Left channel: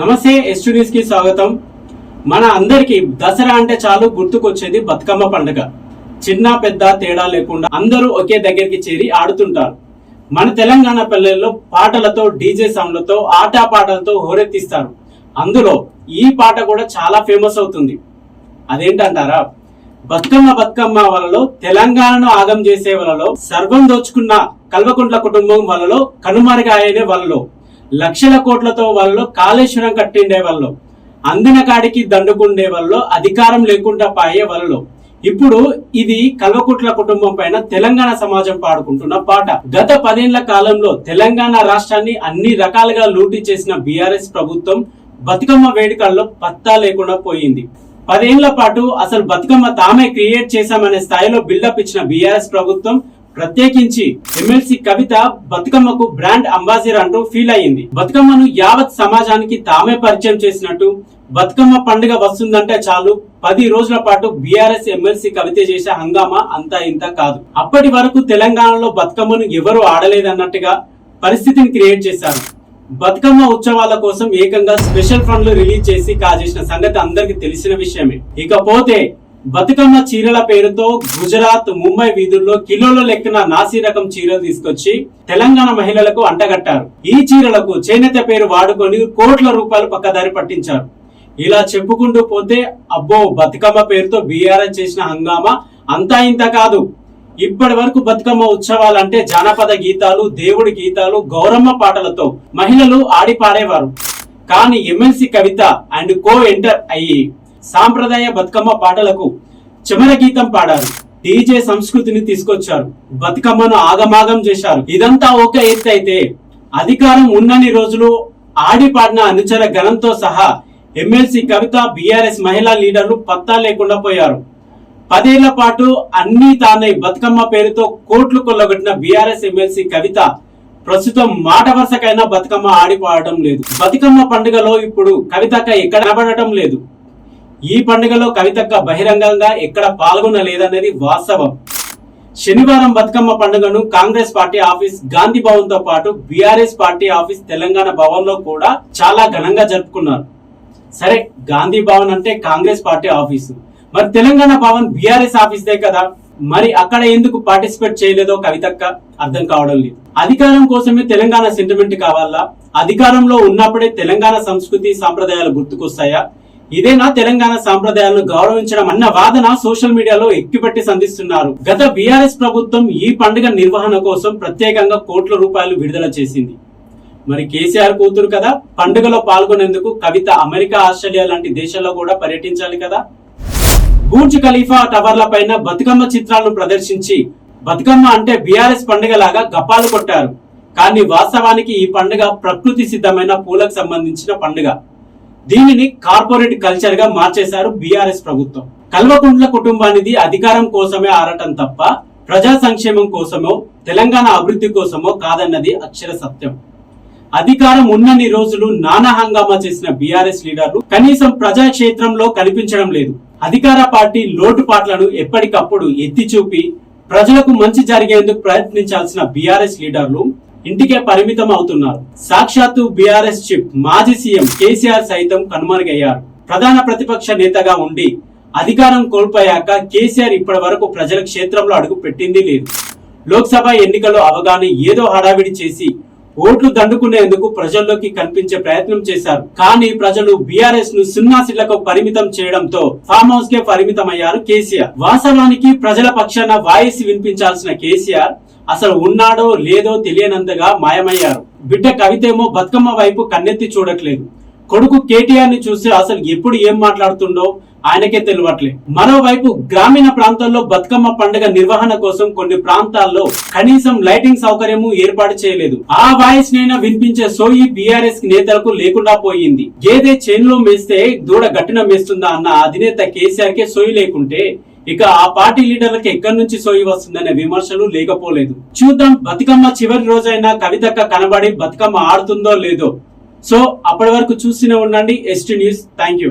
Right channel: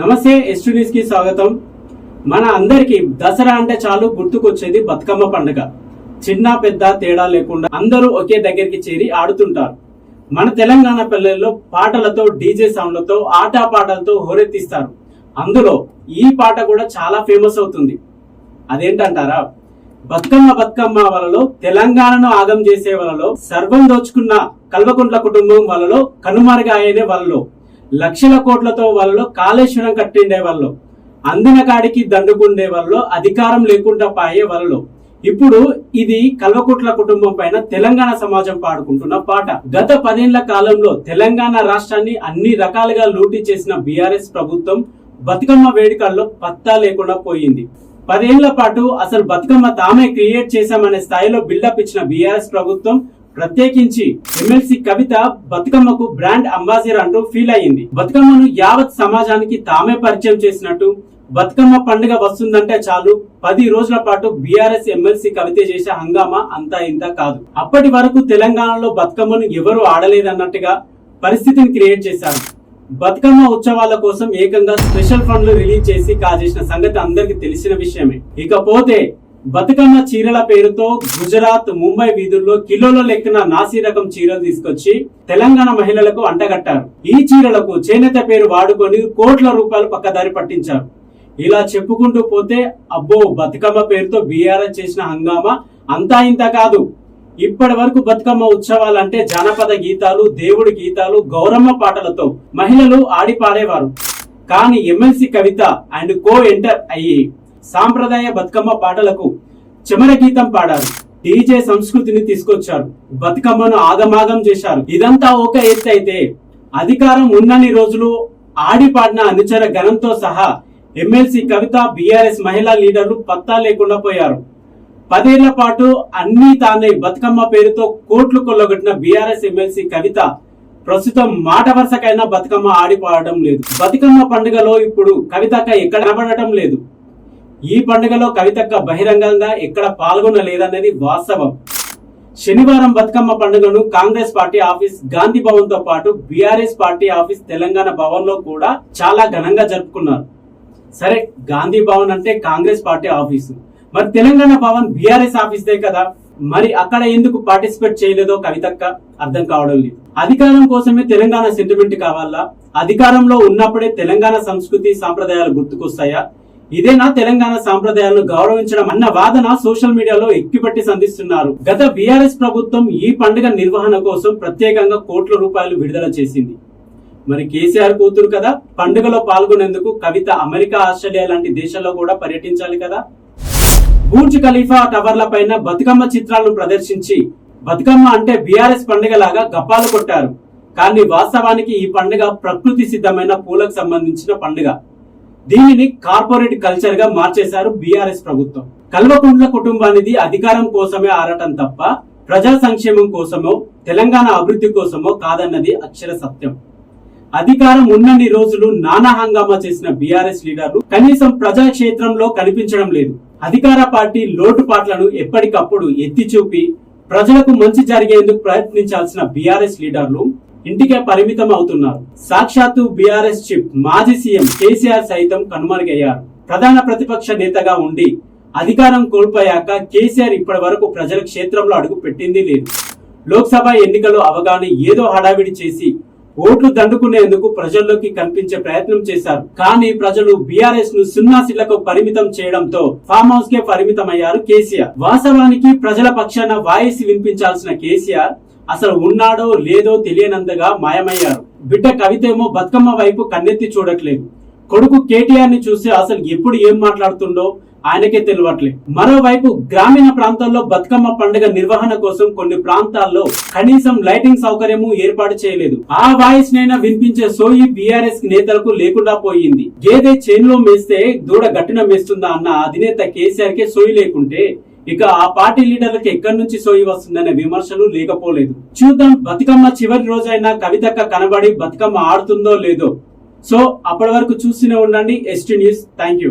నమస్తే ఎస్టూడియోస్ కి స్వాగతం. మన అందరికి దసరా అంటే చాలు గుర్తుకొచ్చేది బతుకమ్మ పండుగ. చిన్న పెద్ద తేడా లేకుండా అందరూ ఒకే దగ్గరికి చేరి ఆడుతుంటారు. మన తెలంగాణ పల్లెల్లో పాటలతో, డీజే సౌండ్లతో, ఆటా పాటలతో హోరెత్తిస్తారు. అందులో ఈ పాట కూడా చాలా ఫేమస్ అవుతుంది. అదేంటంటారా? బతుకమ్మ బతుకమ్మ వలలో తెలంగాణను ఆగం చేసే వలలో, సర్వం దోచుకున్న కల్వకుంట్ల కుటుంబం వలలో, కనుమరుగాయనే వలలో, లక్షల కోట్లతో వలలో కాళేశ్వరం కట్టిండే వలలో, అందిన కాడికి దండుకుండే వలలో, అధికారం లేకుండా పాయే వలలో. ఇప్పుడు ఇది కల్వకుంట్ల కుటుంబం పైన తెలంగాణ సమాజం పాడుకుంటున్న పాట. గత 10 ఏళ్ల కాలంలో తెలంగాణ రాష్ట్రాన్ని అన్ని రకాలుగా లూటీ చేసిన బీఆర్ఎస్ ప్రభుత్వం బతుకమ్మ వేడుకల్లో పత్తా లేకుండా పోయింది. 10 ఏళ్ల పాటు అసలు బతుకమ్మ తామే క్రియేట్ చేశామనే స్థాయిలో బిల్డప్ ఇచ్చిన బీఆర్ఎస్ ప్రభుత్వం ప్రత్యేకించి ఎమ్మెల్సీ కవిత బతుకమ్మకు బ్రాండ్ అంబాసిడర్ అంటూ ఫీల్ అయ్యింది. బతుకమ్మను యావత్ సమాజానికి తామే పరిచయం చేసినట్టు, బతుకమ్మ పండుగ వస్తుందంటే చాలు 10 రోజుల పాటు బీఆర్ఎస్ ఎమ్మెల్సీ కవిత చేసే హంగామా అంతా ఇంత కాదు. అప్పటి వరకు తెలంగాణలో బతుకమ్మను ఎవరు ఆడలేదన్నట్టుగా పరిస్థితిని క్రియేట్ చేశారు. బతుకమ్మ ఉత్సవాల కోసం ఏకంగా స్పెషల్ ఫండ్లు రిలీజ్ చేసి కాజేసిన సంగతి అందరికి తెలిసిన విషయమే. ఇకపోతే బతుకమ్మ చీరల పేరుతో గుజరాత్, ముంబై వీధుల్లో కిలోల లెక్కన నాసి రకం చీరలు తీసుకొచ్చి తెలంగాణ మహిళలకు అంటగట్టారు. ఈ చీరలకు చేనేత పేరు వాడుకొని కోట్ల రూపాయలు పక్కదారి పట్టించారు. ఇలా చెప్పుకుంటూ పోతే అబ్బో, బతుకమ్మ పేరుతో బీఆర్ఎస్ చేసిన హంగామా అంతా ఇంత కాదు. ఇప్పటి వరకు బతుకమ్మ ఉత్సవాలంటే జానపద గీతాలు, దేవుడి గీతాలు, గౌరమ్మ పాటలతో మహిళలు ఆడి పాడేవారు. కానీ MLC Kavitha and co enter అయ్యి సాంప్రదాయ బతుకమ్మ పాటలకు చెమర గీతం పాడారు. డీజే సంస్కృతిని తీసుకొచ్చారు. బతుకమ్మను ఆగమాగం చేశారు. ఇదంతా ఒక ఎత్తు అయితే, అధికారం ఉన్నన్ని రోజులు ఆడి పాడిన అనుచర గణంతో సహా ఎమ్మెల్సీ కవిత, బీఆర్ఎస్ మహిళా లీడర్లు పత్తా లేకుండా పోయారు. 10 ఏళ్ల పాటు అన్ని తానే బతుకమ్మ పేరుతో కోట్లు కొల్లగొట్టిన బీఆర్ఎస్ ఎమ్మెల్సీ కవిత ప్రస్తుతం మాట వరుసకైనా బతుకమ్మ ఆడిపోవడం లేదు. బతుకమ్మ పండుగలో ఇప్పుడు కవితక్క ఎక్కడ కనబడటం లేదు. ఈ పండుగలో కవితక్క బహిరంగంగా ఎక్కడ పాల్గొనలేదనేది వాస్తవం. శనివారం బతుకమ్మ పండుగను కాంగ్రెస్ పార్టీ ఆఫీస్ గాంధీ భవన్ తో పాటు BRS party office Telangana Bhavan లో కూడా చాలా ఘనంగా జరుపుకున్నారు. సరే, గాంధీ భవన్ అంటే కాంగ్రెస్ పార్టీ ఆఫీసు, మరి తెలంగాణ భవన్ బీఆర్ఎస్ ఆఫీసే కదా. మరి అక్కడ ఎందుకు పార్టిసిపేట్ చేయలేదో కవితక్క అర్థం కావడం లేదు. అధికారం కోసమే తెలంగాణ సెంటిమెంట్ కావాలా? అధికారంలో ఉన్నప్పుడే తెలంగాణ సంస్కృతి సాంప్రదాయాలు గుర్తుకొస్తాయా? ఇదేనా తెలంగాణ సాంప్రదాయాలను గౌరవించడం అన్న వాదన సోషల్ మీడియాలో ఎక్కిపెట్టి సంధిస్తున్నారు. గత బీఆర్ఎస్ ప్రభుత్వం ఈ పండుగ నిర్వహణ కోసం ప్రత్యేకంగా కోట్ల రూపాయలు విడుదల చేసింది. మరి కేసీఆర్ కూతురు కదా, పండుగలో పాల్గొనేందుకు కవిత అమెరికా, ఆస్ట్రేలియా లాంటి దేశాల్లో కూడా పర్యటించాలి కదా. బూర్జ్ ఖలీఫా టవర్ల పైన బతుకమ్మ చిత్రాలను ప్రదర్శించి బతుకమ్మ అంటే బీఆర్ఎస్ పండుగ లాగా గప్పాలు కొట్టారు. కానీ వాస్తవానికి ఈ పండుగ ప్రకృతి సిద్ధమైన పూలకు సంబంధించిన పండుగ. దీనిని కార్పొరేట్ కల్చర్ గా మార్చేశారు బీఆర్ఎస్ ప్రభుత్వం. కల్వకుంట్ల కుటుంబానిది అధికారం కోసమే ఆడటం తప్ప ప్రజా సంక్షేమం కోసమో తెలంగాణ అభివృద్ధి కోసమో కాదన్నది అక్షర సత్యం. అధికారం ఉన్నన్ని రోజులు నానా హంగామా చేసిన బీఆర్ఎస్ లీడర్లు కనీసం ప్రజాక్షేత్రంలో కనిపించడం లేదు. అధికార పార్టీ లోటుపాట్లను ఎప్పటికప్పుడు ఎత్తి చూపి ప్రజలకు మంచి జరిగేందుకు ప్రయత్నించాల్సిన బీఆర్ఎస్ లీడర్లు ఇంటికే పరిమితం అవుతున్నారు. సాక్షాత్తు బీఆర్ఎస్ చీఫ్ మాజీ సీఎం కేసీఆర్ సైతం కనుమరుగయ్యారు. ప్రధాన ప్రతిపక్ష నేతగా ఉండి అధికారం కోల్పోయాక కేసీఆర్ ఇప్పటి వరకు ప్రజల క్షేత్రంలో అడుగు పెట్టింది లేదు. లోక్సభ ఎన్నికల్లో అవగానే ఏదో హడావిడి చేసి ఓట్లు దండుకునేందుకు ప్రజల్లోకి కనిపించే ప్రయత్నం చేశారు. కానీ ప్రజలు బీఆర్ఎస్ ను 0 సీట్లకు పరిమితం చేయడంతో ఫామ్ హౌస్ కే పరిమితం అయ్యారు కేసీఆర్. వాస్తవానికి ప్రజల పక్షాన వాయిస్ వినిపించాల్సిన కేసీఆర్ అసలు ఉన్నాడో లేదో తెలియనంతగా మాయమయ్యారు. బిడ్డ కవితేమో బతుకమ్మ వైపు కన్నెత్తి చూడట్లేదు. కొడుకు కేటీఆర్ ని చూస్తే అసలు ఎప్పుడు ఏం మాట్లాడుతుండో ఆయనకే తెలియట్లేదు. మరోవైపు గ్రామీణ ప్రాంతాల్లో బతుకమ్మ పండుగ నిర్వహణ కోసం కొన్ని ప్రాంతాల్లో కనీసం లైటింగ్ సౌకర్యము ఏర్పాటు చేయలేదు. ఆ వాయిస్ నైనా వినిపించే సోయి బీఆర్ఎస్ నేతలకు లేకుండా పోయింది. గేదె చేనులో మేస్తే దూడ గట్టిన మేస్తుందా అన్న అధినేత కేసీఆర్ కే సోయి లేకుంటే ఇక ఆ పార్టీ లీడర్లకు ఎక్కడి నుంచి సోయి వస్తుందనే విమర్శలు లేకపోలేదు. చూద్దాం, బతుకమ్మ చివరి రోజైనా కవితక్క కనబడి బతుకమ్మ ఆడుతుందో లేదో. సో అప్పటి వరకు చూస్తూనే ఉండండి ఎస్టీ న్యూస్. Thank you.